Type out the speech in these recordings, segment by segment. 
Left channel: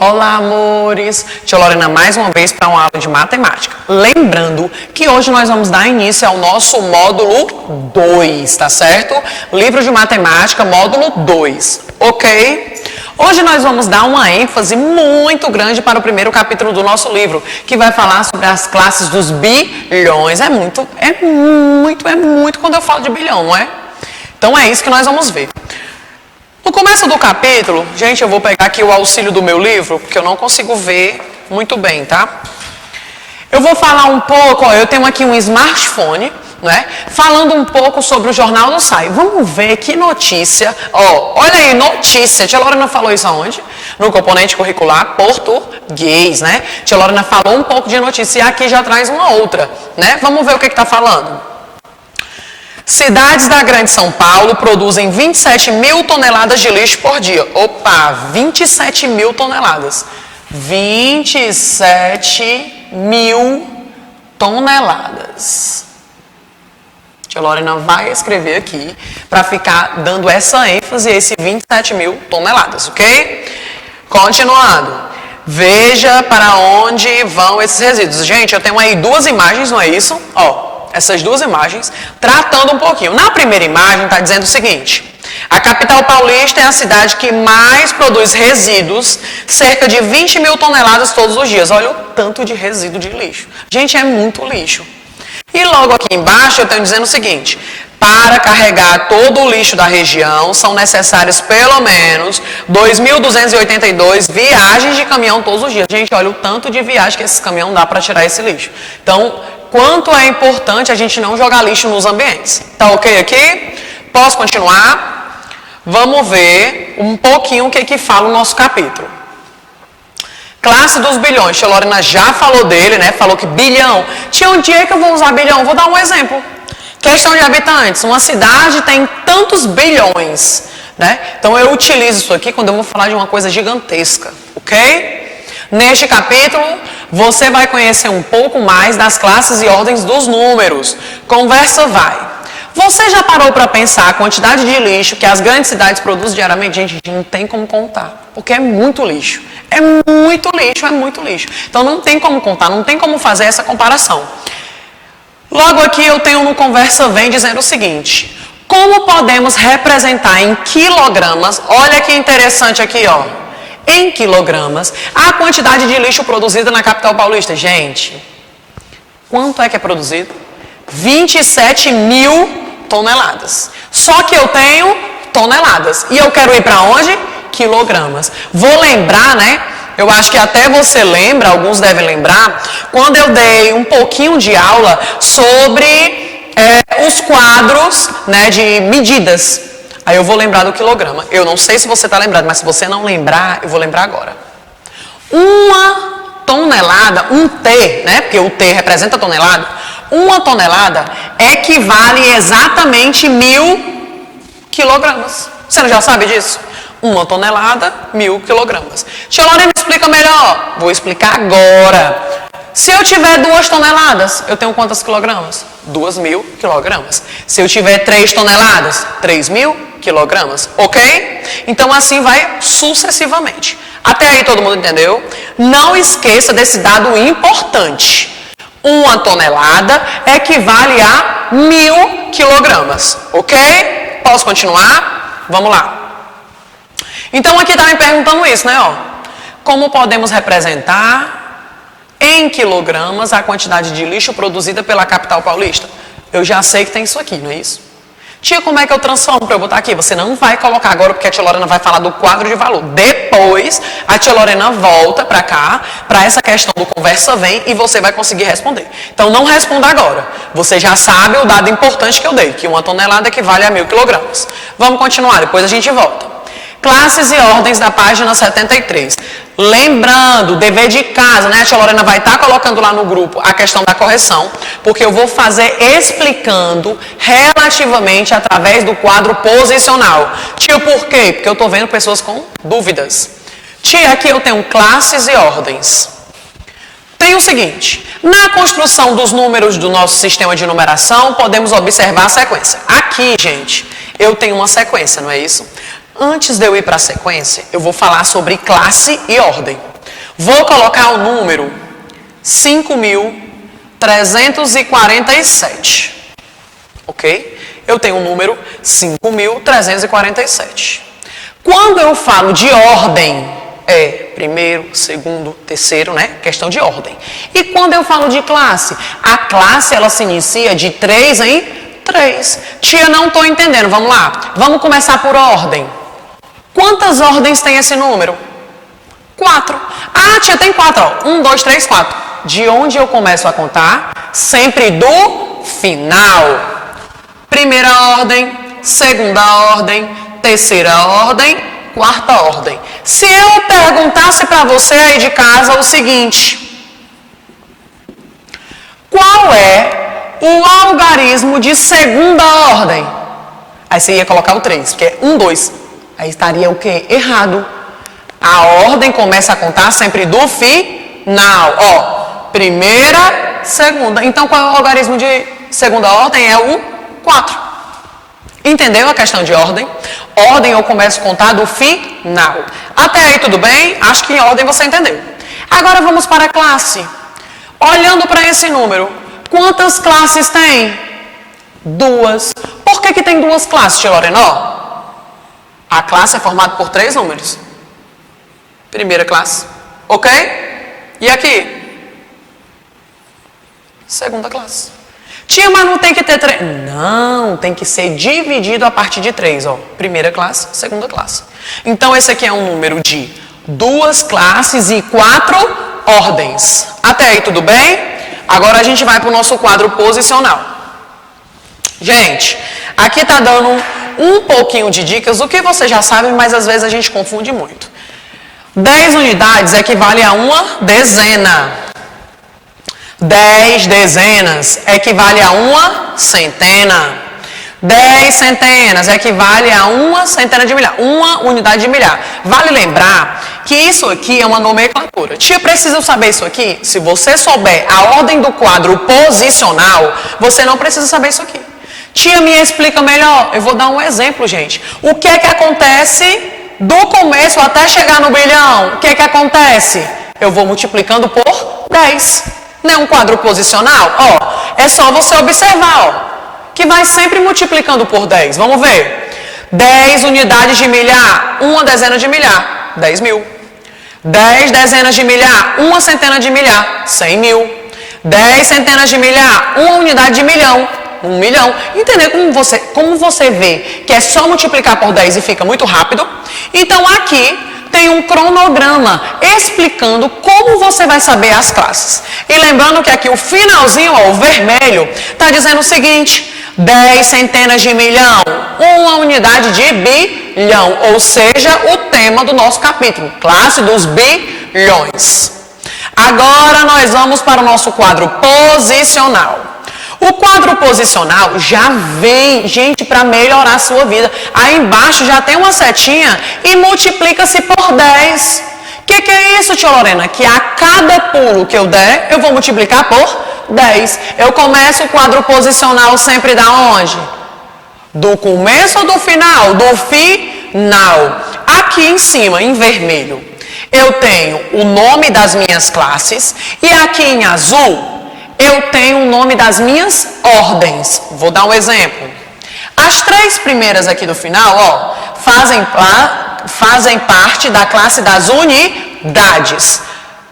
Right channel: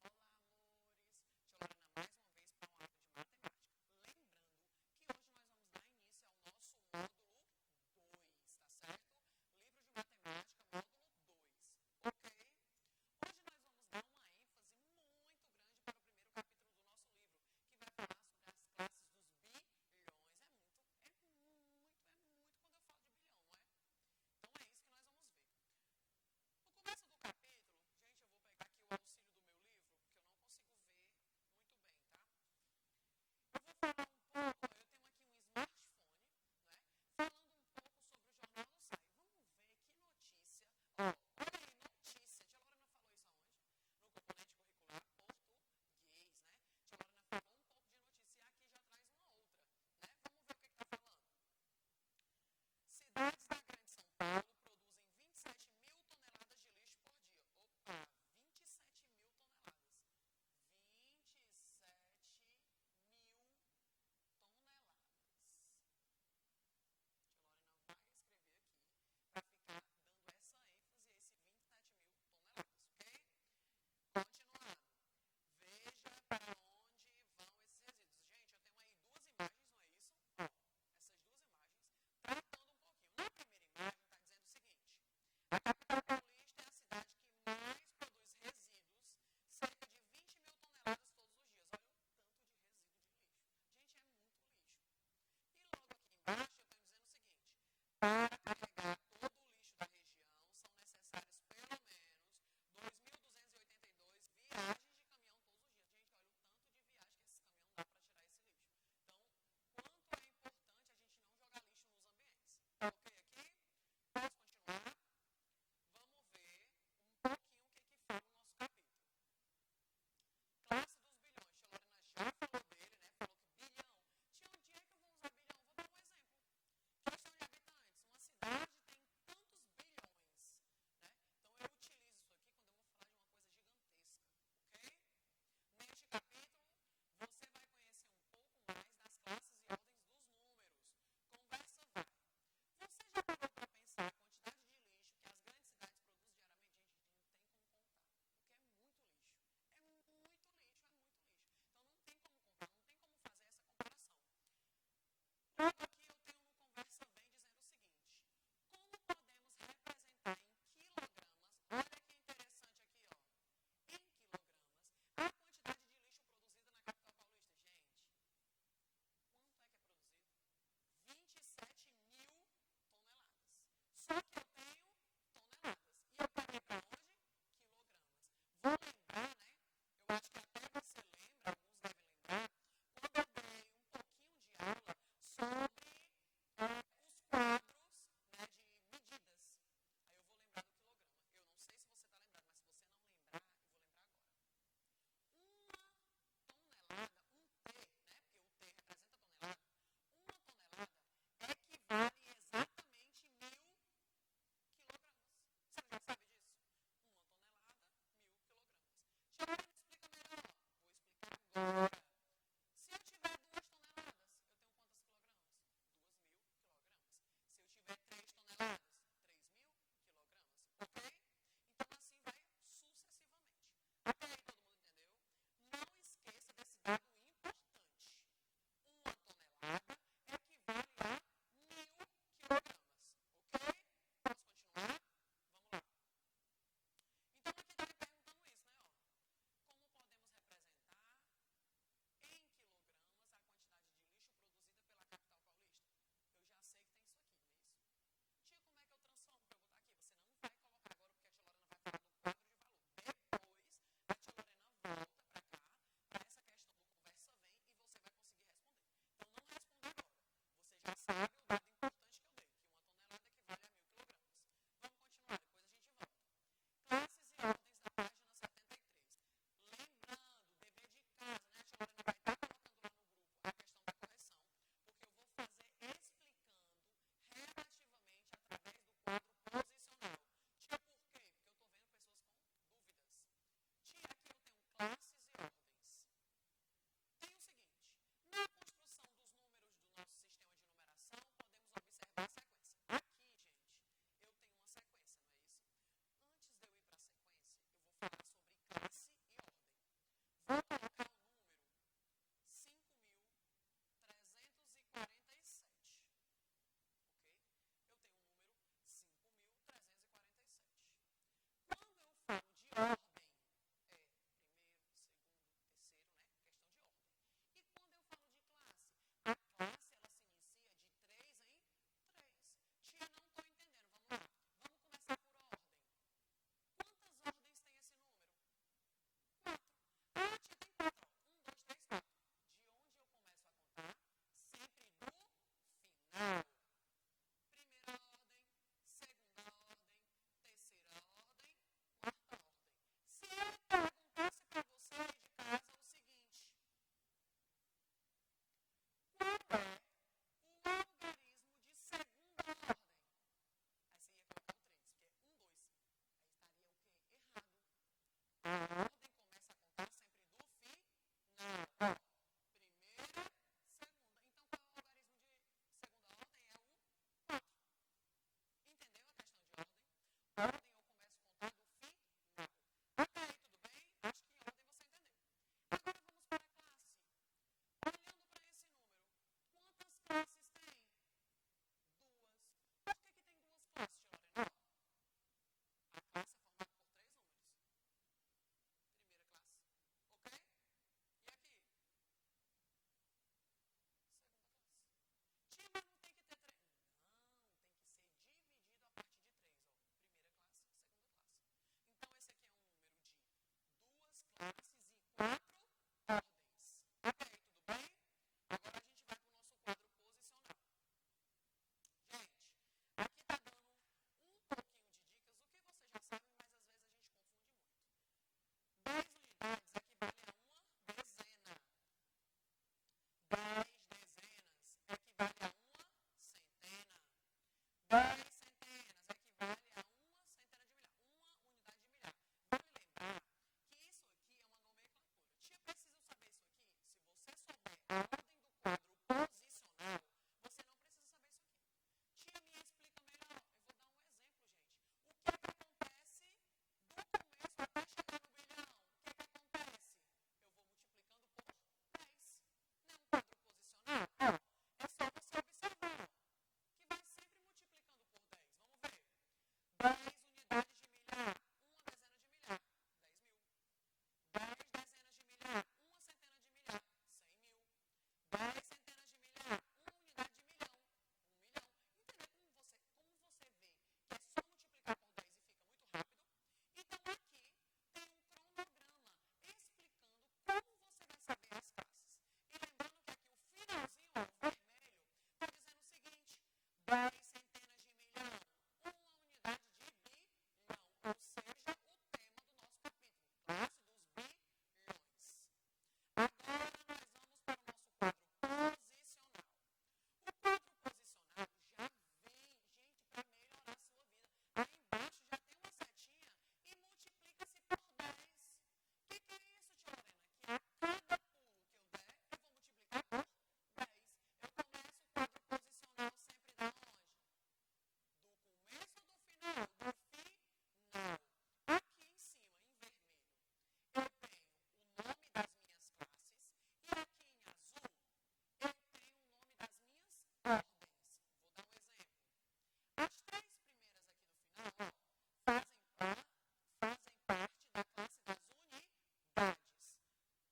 Olá, amores! Tia Lorena mais uma vez para uma aula de matemática. Lembrando que hoje nós vamos dar início ao nosso módulo 2, tá certo? Livro de matemática, módulo 2, ok? Hoje nós vamos dar uma ênfase muito grande para o primeiro capítulo do nosso livro, que vai falar sobre as classes dos bilhões. É muito quando eu falo de bilhão, não é? Então é isso que nós vamos ver. No começo do capítulo, gente, eu vou pegar aqui o auxílio do meu livro, porque eu não consigo ver muito bem, tá? Eu vou falar um pouco, ó, eu tenho aqui um smartphone, né? Falando um pouco sobre o Jornal do Sai. Vamos ver que notícia, ó, olha aí, notícia. Tia Lorena falou isso aonde? No componente curricular português, né? Tia Lorena falou um pouco de notícia e aqui já traz uma outra, né? Vamos ver o que tá falando. Cidades da Grande São Paulo produzem 27 mil toneladas de lixo por dia. Opa, 27 mil toneladas. 27 mil toneladas. Tia Lorena vai escrever aqui para ficar dando essa ênfase a esse 27 mil toneladas, ok? Continuando. Veja para onde vão esses resíduos. Gente, eu tenho aí duas imagens, não é isso? Ó. Essas duas imagens, tratando um pouquinho. Na primeira imagem está dizendo o seguinte: a capital paulista é a cidade que mais produz resíduos, cerca de 20 mil toneladas todos os dias. Olha o tanto de resíduo de lixo. Gente, é muito lixo. E logo aqui embaixo eu tenho dizendo o seguinte: para carregar todo o lixo da região, são necessárias pelo menos 2.282 viagens de caminhão todos os dias. Gente, olha o tanto de viagem que esse caminhão dá para tirar esse lixo. Então, quanto é importante a gente não jogar lixo nos ambientes. Tá ok aqui? Posso continuar? Vamos ver um pouquinho o que fala o nosso capítulo. Classe dos bilhões. Tia Lorena já falou dele, né? Falou que bilhão. Tinha um dia que eu vou usar bilhão. Vou dar um exemplo. Questão de habitantes. Uma cidade tem tantos bilhões, né? Então eu utilizo isso aqui quando eu vou falar de uma coisa gigantesca, ok? Neste capítulo, você vai conhecer um pouco mais das classes e ordens dos números. Conversa vai. Você já parou para pensar a quantidade de lixo que as grandes cidades produzem diariamente? Gente, não tem como contar, porque é muito lixo. É muito lixo, é muito lixo. Então não tem como contar, não tem como fazer essa comparação. Logo aqui eu tenho no Conversa Vem dizendo o seguinte: como podemos representar em quilogramas, olha que interessante aqui, ó. Em quilogramas, a quantidade de lixo produzida na capital paulista. Gente, quanto é que é produzido? 27 mil toneladas. Só que eu tenho toneladas. E eu quero ir para onde? Quilogramas. Vou lembrar, né? Eu acho que até você lembra, alguns devem lembrar, quando eu dei um pouquinho de aula sobre os quadros, né, de medidas. Aí eu vou lembrar do quilograma. Eu não sei se você está lembrado, mas se você não lembrar, eu vou lembrar agora. Uma tonelada, um T, né? Porque o T representa tonelada. Uma tonelada equivale exatamente 1.000 quilogramas. Você não já sabe disso? Uma tonelada, 1.000 quilogramas. Tia Lorena, explica melhor. Vou explicar agora. Se eu tiver 2 toneladas, eu tenho quantos quilogramas? 2.000 quilogramas. Se eu tiver 3 toneladas, 3.000 quilogramas, ok? Então assim vai sucessivamente. Até aí todo mundo entendeu? Não esqueça desse dado importante. Uma tonelada equivale a 1.000 quilogramas, ok? Posso continuar? Vamos lá. Então aqui está me perguntando isso, né? Ó, como podemos representar em quilogramas a quantidade de lixo produzida pela capital paulista? Eu já sei que tem isso aqui, não é isso? Tia, como é que eu transformo para eu botar aqui? Você não vai colocar agora, porque a tia Lorena vai falar do quadro de valor. Depois, a tia Lorena volta para cá, para essa questão do Conversa Vem, e você vai conseguir responder. Então, não responda agora. Você já sabe o dado importante que eu dei, que uma tonelada equivale a 1.000 quilogramas. Vamos continuar, depois a gente volta. Classes e ordens da página 73. Lembrando, dever de casa, né? A tia Lorena vai estar colocando lá no grupo a questão da correção, porque eu vou fazer explicando relativamente através do quadro posicional. Tia, por quê? Porque eu estou vendo pessoas com dúvidas. Tia, aqui eu tenho classes e ordens. Tem o seguinte: na construção dos números do nosso sistema de numeração, podemos observar a sequência. Aqui, gente, eu tenho uma sequência, não é isso? Antes de eu ir para a sequência, eu vou falar sobre classe e ordem. Vou colocar o número 5.347. Ok? Eu tenho o número 5.347. Quando eu falo de ordem, é primeiro, segundo, terceiro, né? Questão de ordem. E quando eu falo de classe? A classe, ela se inicia de 3 em 3. Tia, não estou entendendo. Vamos lá. Vamos começar por ordem. Quantas ordens tem esse número? 4. Ah, tia, tem 4. Ó. 1, 2, 3, 4. De onde eu começo a contar? Sempre do final. Primeira ordem, segunda ordem, terceira ordem, quarta ordem. Se eu perguntasse para você aí de casa o seguinte: qual é o algarismo de segunda ordem? Aí você ia colocar o 3, porque é 1, 2. Aí estaria o quê? Errado. A ordem começa a contar sempre do final. Ó, primeira, segunda. Então, qual é o algarismo de segunda ordem? É o 4. Entendeu a questão de ordem? Ordem eu começo a contar do final. Até aí tudo bem? Acho que em ordem você entendeu. Agora vamos para a classe. Olhando para esse número, quantas classes tem? 2. Por que tem 2 classes, tia Lorena? A classe é formada por 3 números. Primeira classe. Ok? E aqui? Segunda classe. Tia, mas não tem que ter 3. Não, tem que ser dividido a partir de 3. Ó. Primeira classe, segunda classe. Então, esse aqui é um número de 2 classes e 4 ordens. Até aí, tudo bem? Agora a gente vai para o nosso quadro posicional. Gente, aqui está dando um pouquinho de dicas, o que você já sabe, mas às vezes a gente confunde muito. 10 unidades equivale a uma dezena. 10 dezenas equivale a uma centena. 10 centenas equivale a uma centena de milhar. Uma unidade de milhar. Vale lembrar que isso aqui é uma nomenclatura. Tia, precisa saber isso aqui? Se você souber a ordem do quadro posicional, você não precisa saber isso aqui. Tia, me explica melhor. Eu vou dar um exemplo, gente. O que é que acontece do começo até chegar no bilhão? O que é que acontece? Eu vou multiplicando por 10. Não é um quadro posicional? Ó, é só você observar, ó, que vai sempre multiplicando por 10. Vamos ver. 10 unidades de milhar, uma dezena de milhar, 10 mil. 10 dezenas de milhar, uma centena de milhar, 100 mil. 10 centenas de milhar, uma unidade de milhão, 1 milhão. Entendeu como você vê que é só multiplicar por 10 e fica muito rápido? Então aqui tem um cronograma explicando como você vai saber as classes. E lembrando que aqui o finalzinho, ó, o vermelho, está dizendo o seguinte: 10 centenas de milhão, uma unidade de bilhão. Ou seja, o tema do nosso capítulo, classe dos bilhões. Agora nós vamos para o nosso quadro posicional. O quadro posicional já vem, gente, para melhorar a sua vida. Aí embaixo já tem uma setinha e multiplica-se por 10. O que é isso, tia Lorena? Que a cada pulo que eu der, eu vou multiplicar por 10. Eu começo o quadro posicional sempre da onde? Do começo ou do final? Do final. Aqui em cima, em vermelho, eu tenho o nome das minhas classes e aqui em azul eu tenho o nome das minhas ordens. Vou dar um exemplo. As 3 primeiras aqui do final, ó, fazem parte da classe das unidades.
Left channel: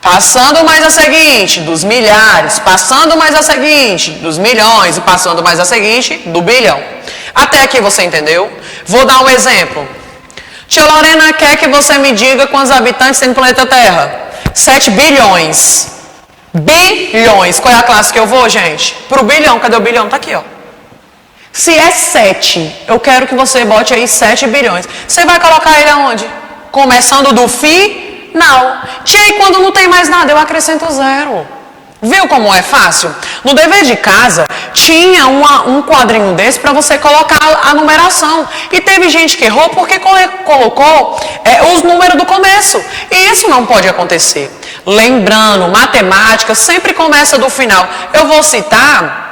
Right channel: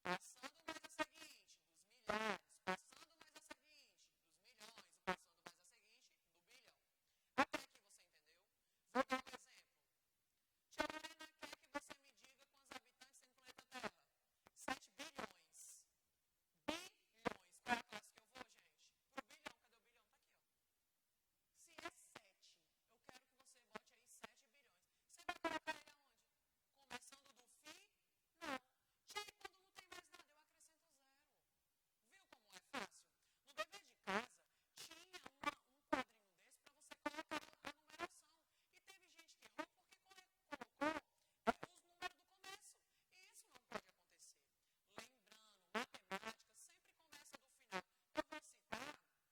Passando mais a seguinte, dos milhares. Passando mais a seguinte, dos milhões. E passando mais a seguinte, do bilhão. Até aqui você entendeu? Vou dar um exemplo. Tia Lorena quer que você me diga quantos habitantes tem no planeta Terra. 7 bilhões. Bilhões. Qual é a classe que eu vou, gente? Pro bilhão. Cadê o bilhão? Tá aqui, ó. Se é 7, eu quero que você bote aí 7 bilhões. Você vai colocar ele aonde? Começando do final. Tia, e quando não tem mais nada, eu acrescento 0. Viu como é fácil? No dever de casa, tinha um quadrinho desse para você colocar a numeração. E teve gente que errou porque colocou os números do começo. E isso não pode acontecer. Lembrando, matemática sempre começa do final. Eu vou citar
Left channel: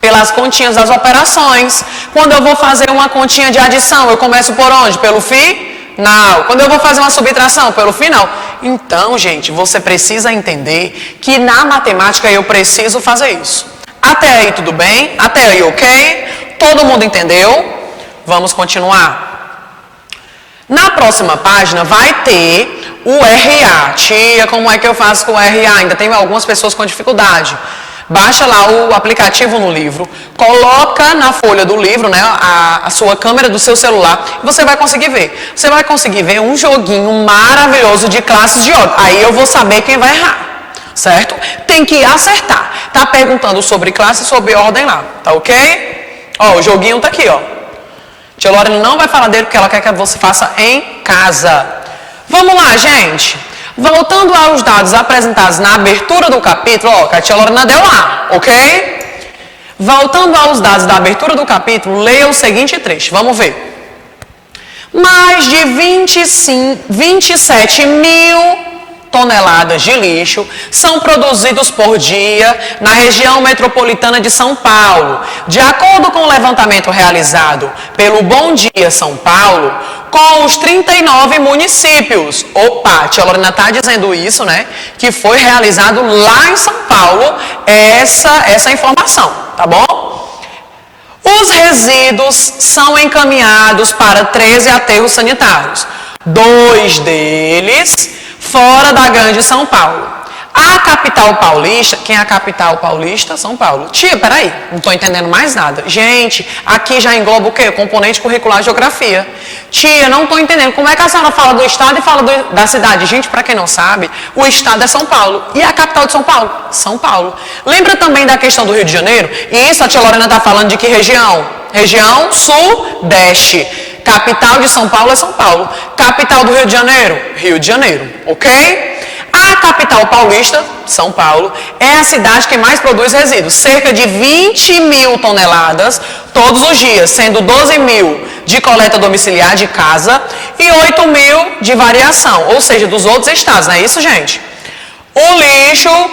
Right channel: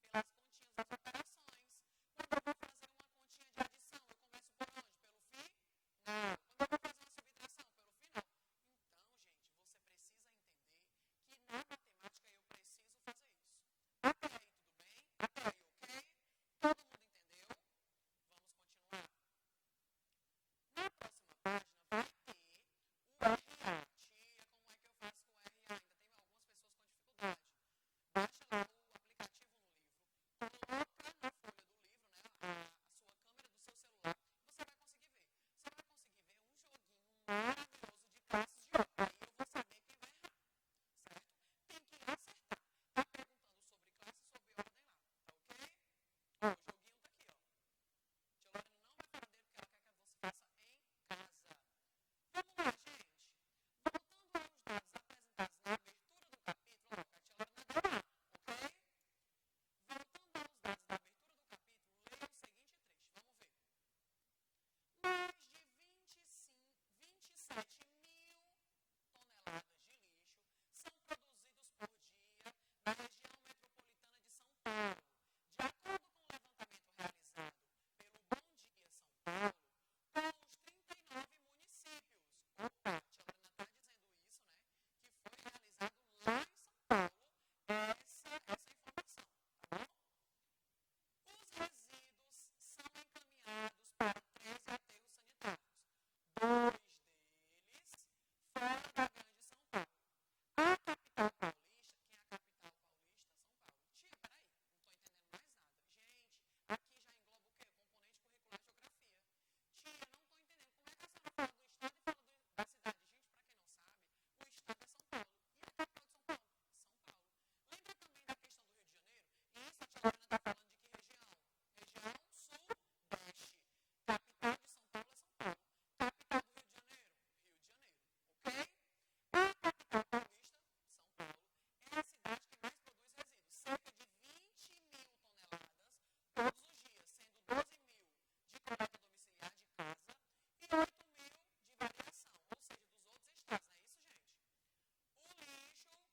pelas continhas das operações. Quando eu vou fazer uma continha de adição, eu começo por onde? Pelo final. Quando eu vou fazer uma subtração, pelo final. Então, gente, você precisa entender que na matemática eu preciso fazer isso. Até aí tudo bem? Até aí ok? Todo mundo entendeu? Vamos continuar. Na próxima página vai ter o RA. Tia, como é que eu faço com o RA? Ainda tem algumas pessoas com dificuldade. Baixa lá o aplicativo no livro, coloca na folha do livro, né, a sua câmera do seu celular e você vai conseguir ver. Você vai conseguir ver um joguinho maravilhoso de classes de ordem. Aí eu vou saber quem vai errar, certo? Tem que acertar. Tá perguntando sobre classe e sobre ordem lá, tá ok? Ó, o joguinho tá aqui, ó. Tia Lorena não vai falar dele porque ela quer que você faça em casa. Vamos lá, gente. Voltando aos dados apresentados na abertura do capítulo, ó, que a tia Lorena deu lá, ok? Voltando aos dados da abertura do capítulo, leia o seguinte trecho, vamos ver. Mais de 27 mil toneladas de lixo são produzidos por dia na região metropolitana de São Paulo. De acordo com o levantamento realizado pelo Bom Dia São Paulo, com os 39 municípios. Opa, a tia Lorena está dizendo isso, né? Que foi realizado lá em São Paulo essa informação, tá bom? Os resíduos são encaminhados para 13 aterros sanitários. 2 deles fora da grande São Paulo. A capital paulista, quem é a capital paulista? São Paulo. Tia, peraí, não estou entendendo mais nada. Gente, aqui já engloba o quê? Componente curricular geografia. Tia, não estou entendendo. Como é que a senhora fala do estado e fala da cidade? Gente, para quem não sabe, o estado é São Paulo. E a capital de São Paulo? São Paulo. Lembra também da questão do Rio de Janeiro? E isso a tia Lorena está falando de que região? Região Sudeste. Capital de São Paulo é São Paulo. Capital do Rio de Janeiro? Rio de Janeiro, ok? A capital paulista, São Paulo, é a cidade que mais produz resíduos. Cerca de 20 mil toneladas todos os dias, sendo 12 mil de coleta domiciliar de casa e 8 mil de variação, ou seja, dos outros estados, não é isso, gente? O lixo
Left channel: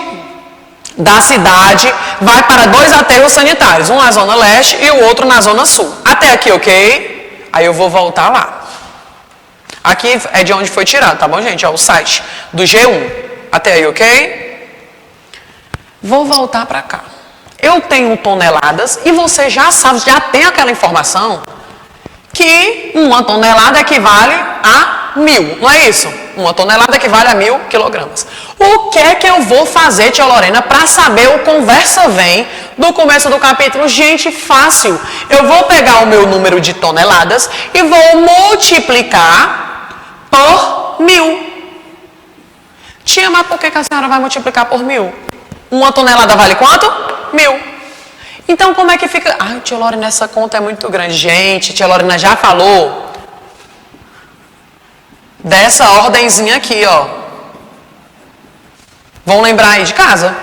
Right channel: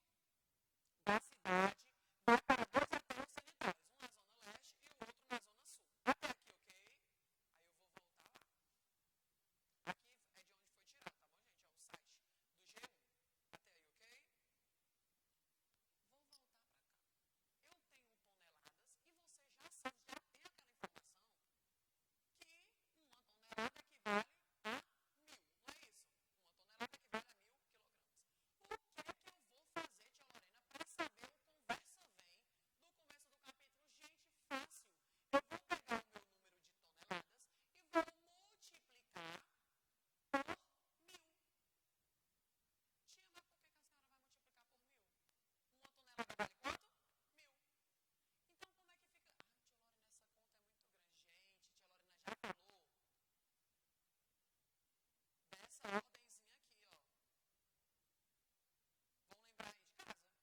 da cidade vai para 2 aterros sanitários, um na zona leste e o outro na zona sul. Até aqui, ok? Aí eu vou voltar lá. Aqui é de onde foi tirado, tá bom, gente? É o site do G1. Até aí, ok? Vou voltar para cá. Eu tenho toneladas e você já sabe, já tem aquela informação que 1 tonelada equivale a 1000, não é isso? 1 tonelada equivale a 1000 quilogramas. O que é que eu vou fazer, tia Lorena, para saber o conversa vem do começo do capítulo? Gente, fácil. Eu vou pegar o meu número de toneladas e vou multiplicar por 1000. Tia, mas por que a senhora vai multiplicar por 1000? 1 tonelada vale quanto? 1000. Então, como é que fica? Ai, tia Lorena, essa conta é muito grande. Gente, tia Lorena já falou dessa ordenzinha aqui, ó. Vão lembrar aí de casa?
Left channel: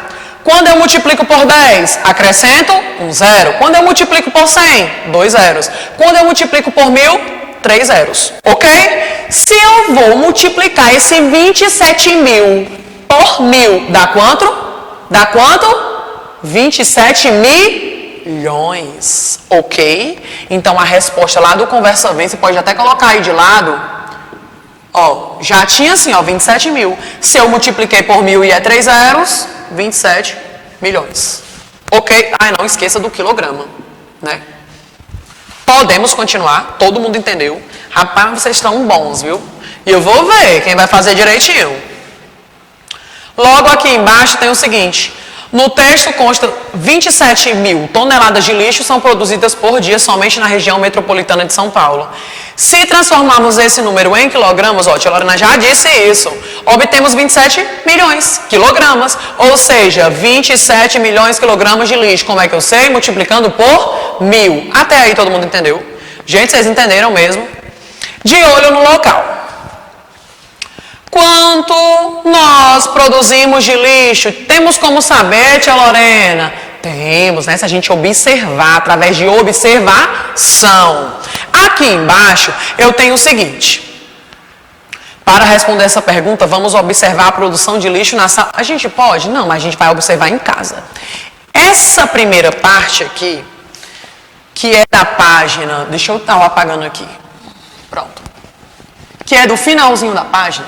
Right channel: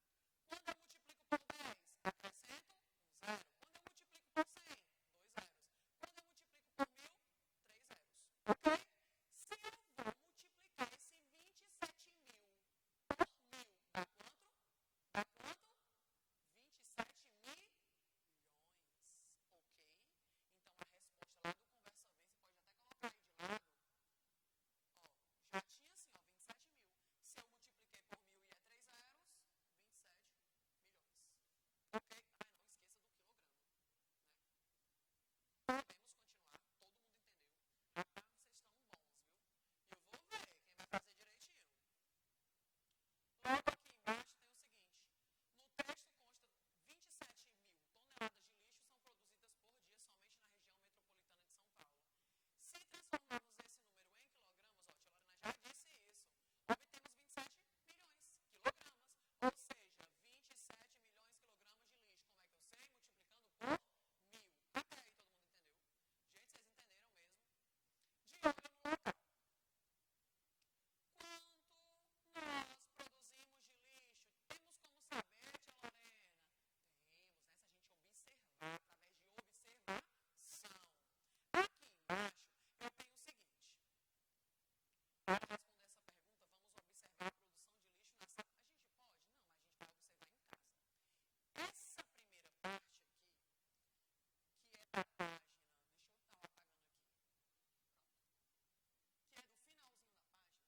Quando eu multiplico por 10, acrescento um zero. Quando eu multiplico por 100, 2 zeros. Quando eu multiplico por 1000, 3 zeros, ok? Se eu vou multiplicar esse 27 mil por 1000, dá quanto? Dá quanto? 27 milhões, ok? Então, a resposta lá do Conversa Vem, você pode até colocar aí de lado, ó, já tinha assim, ó, 27 mil. Se eu multipliquei por 1000 e é 3 zeros, 27 milhões, ok? Ah, não esqueça do quilograma, né? Podemos continuar, todo mundo entendeu. Rapaz, vocês estão bons, viu? E eu vou ver quem vai fazer direitinho. Logo aqui embaixo tem o seguinte. No texto consta 27 mil toneladas de lixo são produzidas por dia somente na região metropolitana de São Paulo. Se transformarmos esse número em quilogramas, ó, a tia Lorena já disse isso, obtemos 27 milhões quilogramas, ou seja, 27 milhões quilogramas de lixo. Como é que eu sei? Multiplicando por 1000. Até aí todo mundo entendeu? Gente, vocês entenderam mesmo? De olho no local. Quanto nós produzimos de lixo? Temos como saber, tia Lorena? Temos, né? Se a gente observar, através de observação. Aqui embaixo eu tenho o seguinte. Para responder essa pergunta, vamos observar a produção de lixo na sala. A gente pode? Não, mas a gente vai observar em casa. Essa primeira parte aqui, que é da página... Deixa eu estar apagando aqui. Pronto. Que é do finalzinho da página.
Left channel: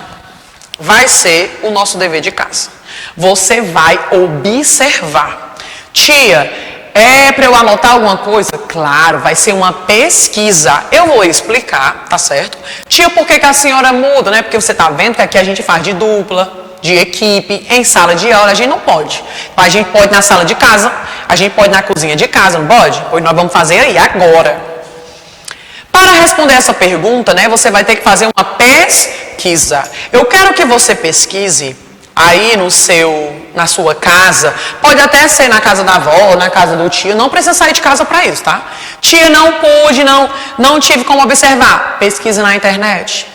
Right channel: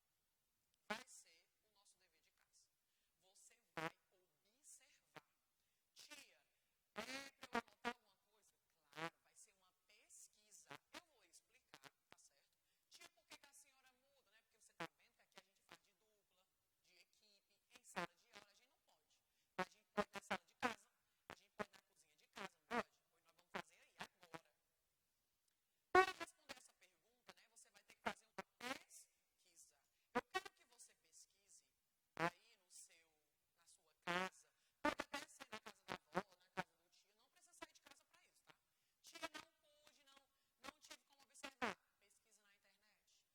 vai ser o nosso dever de casa. Você vai observar. Tia, é para eu anotar alguma coisa? Claro, vai ser uma pesquisa. Eu vou explicar, tá certo? Tia, por que a senhora muda, né? Porque você tá vendo que aqui a gente faz de dupla, de equipe, em sala de aula, a gente não pode. A gente pode na sala de casa, a gente pode na cozinha de casa, não pode? Pois nós vamos fazer aí, agora. Para responder essa pergunta, né, você vai ter que fazer uma pesquisa. Eu quero que você pesquise aí na sua casa, pode até ser na casa da avó, na casa do tio, não precisa sair de casa para isso, tá? Tia, não pude, não tive como observar. Pesquisa na internet.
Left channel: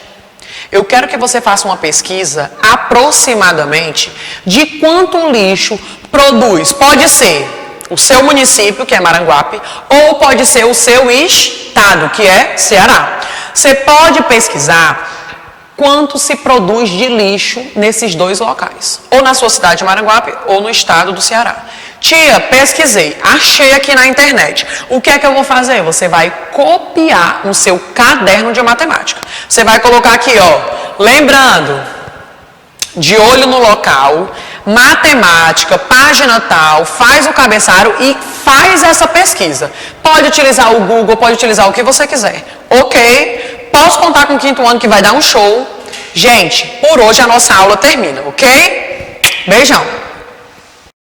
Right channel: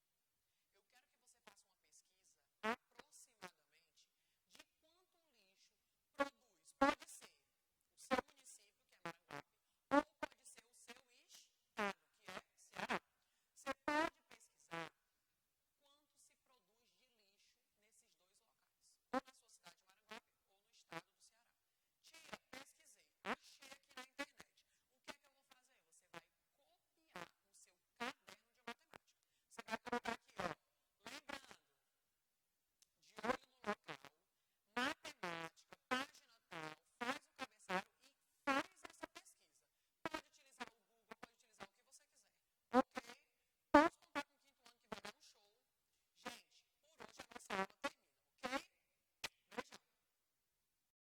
Eu quero que você faça uma pesquisa aproximadamente de quanto lixo produz. Pode ser o seu município, que é Maranguape, ou pode ser o seu estado, que é Ceará. Você pode pesquisar quanto se produz de lixo nesses dois locais, ou na sua cidade de Maranguape, ou no estado do Ceará. Tia, pesquisei, achei aqui na internet. O que é que eu vou fazer? Você vai copiar no seu caderno de matemática. Você vai colocar aqui, ó, lembrando, de olho no local, matemática, página tal, faz o cabeçalho e faz essa pesquisa. Pode utilizar o Google, pode utilizar o que você quiser. Ok? Posso contar com o quinto ano que vai dar um show. Gente, por hoje a nossa aula termina, ok? Beijão!